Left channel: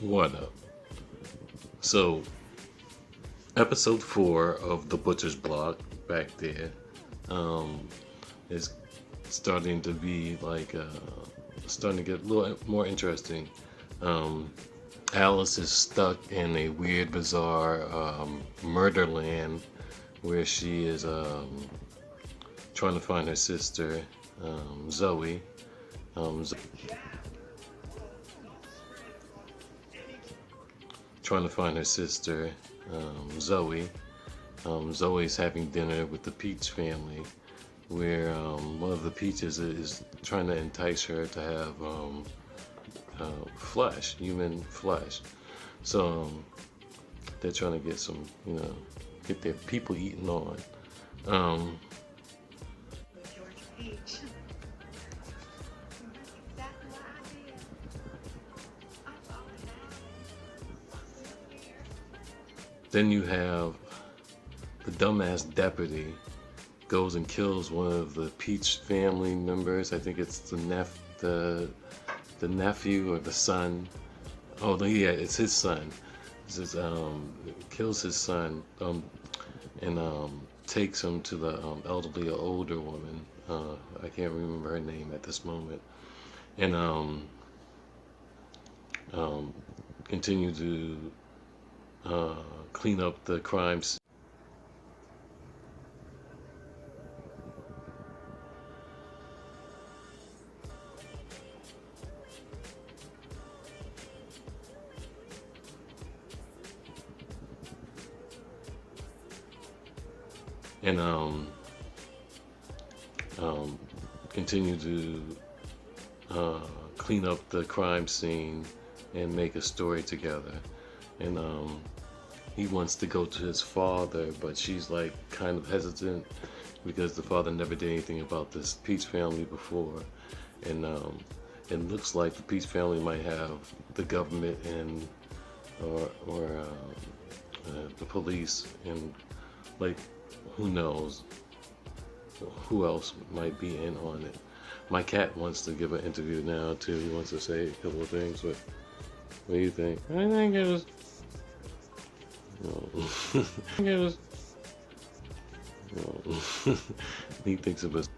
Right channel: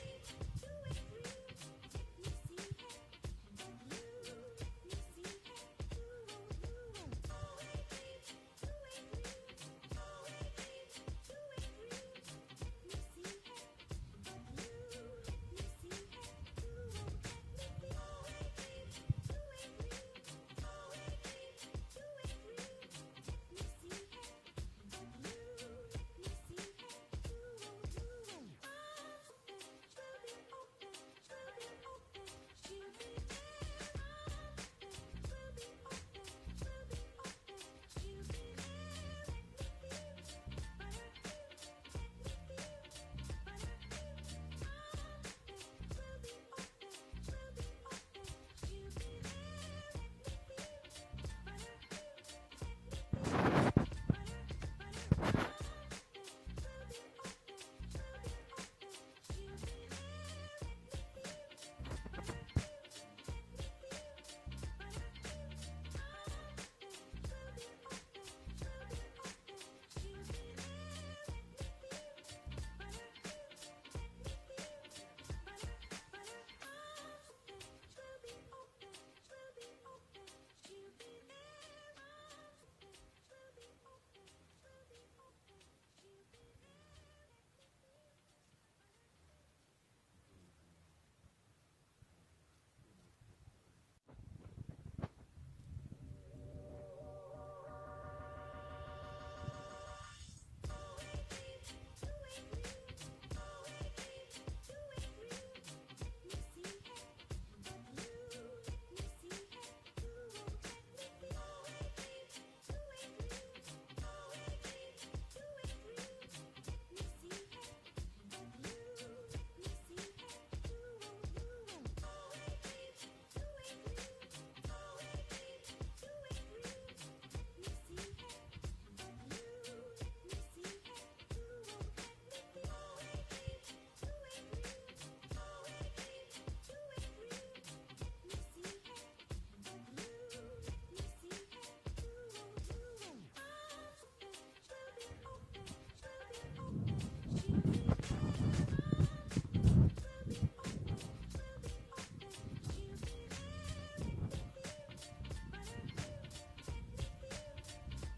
What up? So, episode 4 of The Butcher's Block back there um, is starting to be starting to get a little more interesting. Um, Alice is stuck in a weird, bizarre murder land where she is trying to find her sister, Zoe. Um, Trying to find her sister, Zoe. Zoe's having dinner with the Peach family, where one of the Peaches is trying to entice her to have flesh, human flesh. So they're trying to get some, get their people eating on. Um, then you have the dumbass deputy goes and kills one of the Peach family members. I think it's the nephew or the son. Oh, yeah, it's his son. This is kills his son and takes him to the elderly or older woman. I can't remember her name at this moment. And um, continue to clean up the crimes. And um, continue to clean up the crime scene and make a story together. And he wants to go to his father, but she's like kind of hesitant because the father never did anything about this Peach family before. And it looks like the Peach family might have the government and or the police, and like who knows who else might be in on it. My cat wants to give an interview now too. He wants to say a couple of things, but what do you think? I think it was. It was. He thinks of us.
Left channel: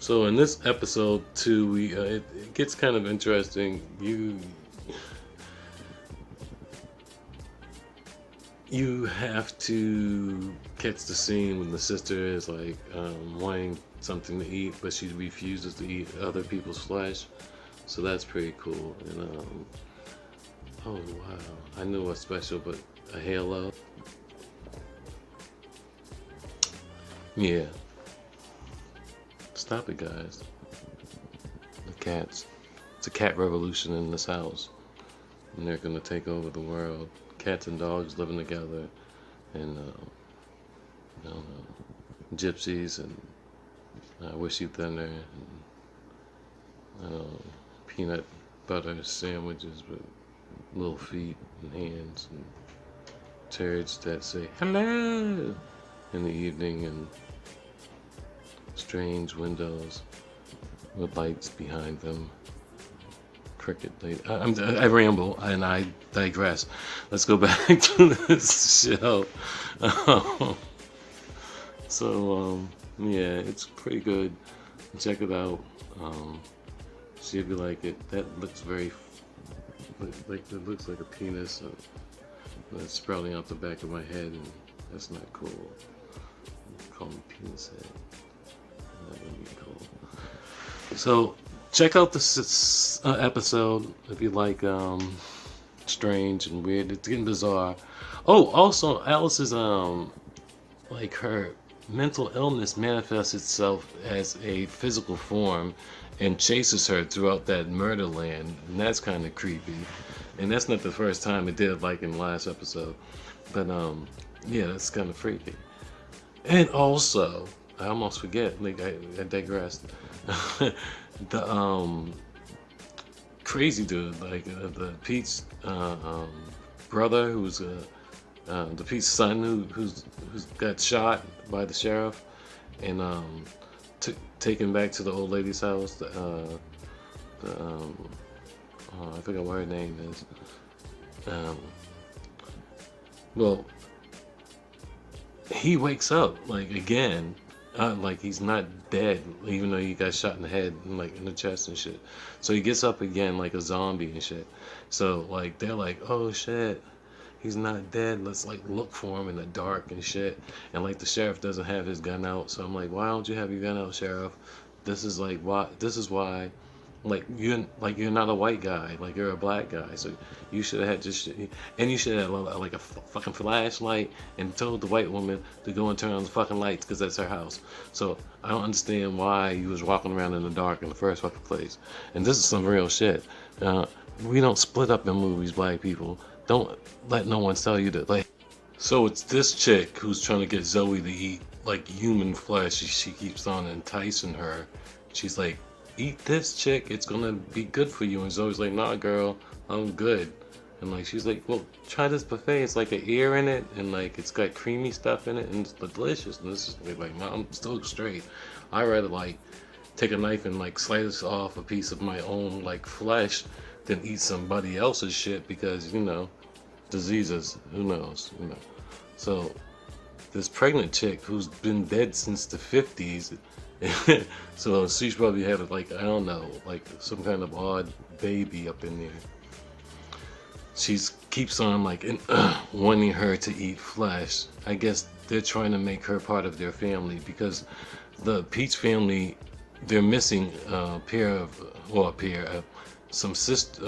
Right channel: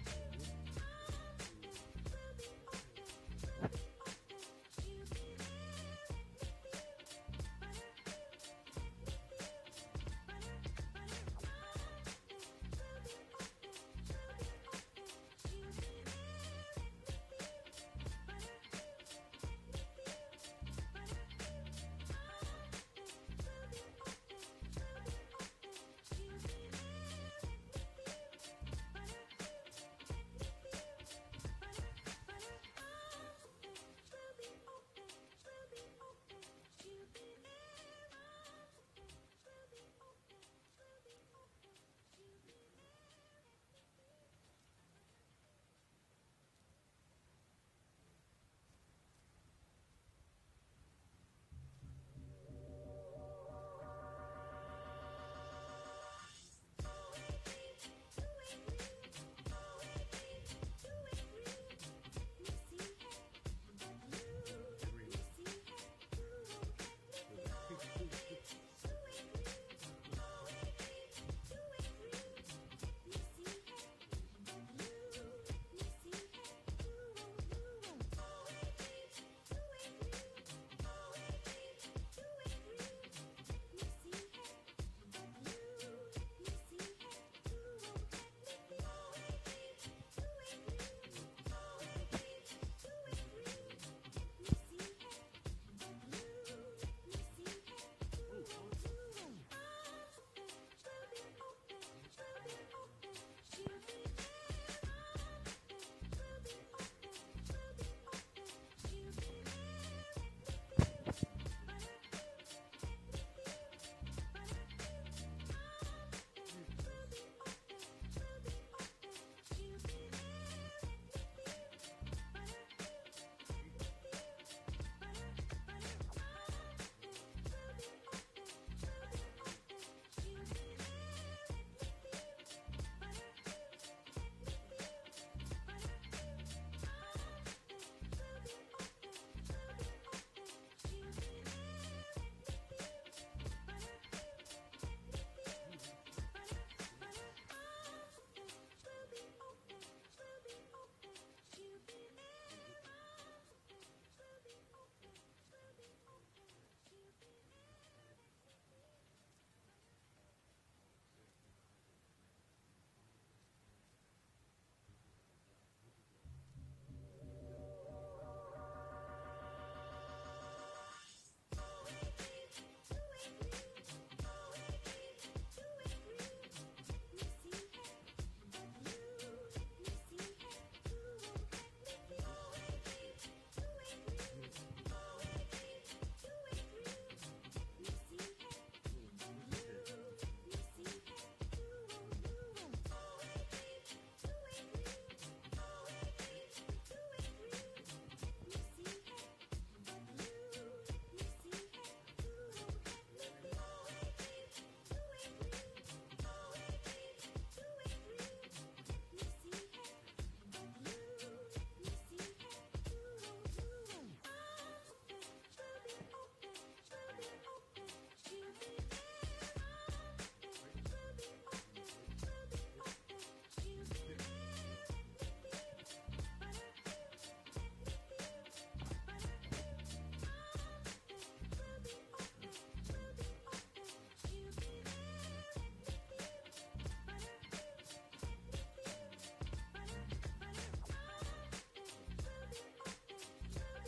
So in this episode too, it gets kind of interesting. You have to catch the scene when the sister is like wanting something to eat, but she refuses to eat other people's flesh. So that's pretty cool. And oh wow, I knew what's special, but a halo. Yeah, stop it, guys. The cats. It's a cat revolution in this house, and they're gonna take over the world. Cats and dogs living together, and I don't know, gypsies and wishy thinner, and I don't know, peanut butter sandwiches with little feet and hands, and turds that say hello in the evening, and strange windows with lights behind them. Cricket. I ramble and I digress. Let's go back to this show. Yeah, it's pretty good. Check it out. See if you like it. That looks very like it looks like a penis that's sprouting out the back of my head, and that's not cool. Call me penis head. That would be cool. So check out this episode if you like strange and weird. It's getting bizarre. Oh, also Alice's like her mental illness manifests itself as a physical form and chases her throughout that murder land, and that's kind of creepy. And that's not the first time it did, like in the last episode. But yeah, that's kind of freaky. And also, I almost forget. Like I digressed. The crazy dude, like the Pete's brother, who's the Pete's son, who's got shot by the sheriff, and taken back to the old lady's house. I forgot what her name is. Um, well, he wakes up like again, like he's not dead, even though he got shot in the head and like in the chest and shit. So he gets up again like a zombie and shit. So like they're like, oh shit, he's not dead. Let's like look for him in the dark and shit. And like the sheriff doesn't have his gun out, so I'm like, why don't you have your gun out, sheriff? This is like why. This is why. You're not a white guy. Like you're a black guy. So you should have had just and you should have like a fucking flashlight and told the white woman to go and turn on the fucking lights because that's her house. So I don't understand why you was walking around in the dark in the first fucking place. And this is some real shit. Uh, we don't split up in movies, black people. Don't let no one tell you that. Like, so it's this chick who's trying to get Zoe to eat like human flesh. She keeps on enticing her. She's like, eat this, chick. It's gonna be good for you. And Zoe's like, nah, girl, I'm good. And like she's like, well, try this buffet. It's like an ear in it, and like it's got creamy stuff in it, and it's delicious. And this is like, nah, I'm still straight. I rather like take a knife and like slice off a piece of my own like flesh than eat somebody else's shit because diseases. Who knows? So this pregnant chick who's been dead since the 50s. So she's probably had like I don't know, like some kind of odd baby up in there. She's keeps on like wanting her to eat flesh. I guess they're trying to make her part of their family because the Peach family, they're missing a pair of some sister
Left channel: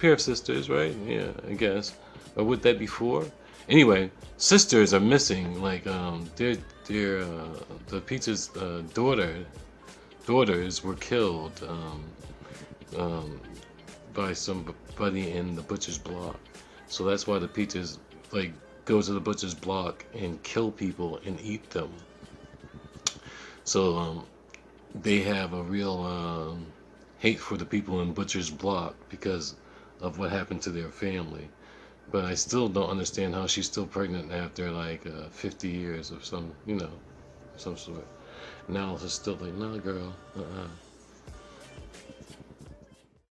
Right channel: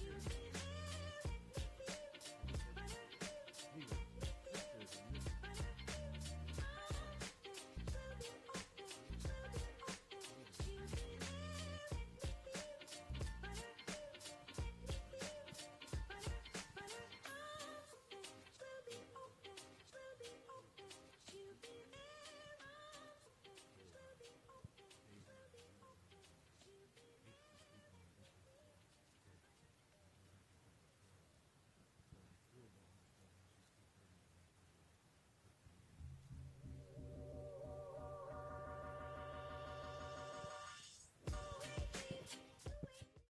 pair of sisters, right? Yeah, I guess. Or would that be four? Anyway, sisters are missing. Like they're the Peach's daughters were killed by somebody in the butcher's block. So that's why the Peaches like go to the butcher's block and kill people and eat them. So they have a real hate for the people in butcher's block because of what happened to their family. But I still don't understand how she's still pregnant after like 50 years of some sort. Now it's still like, nah, girl,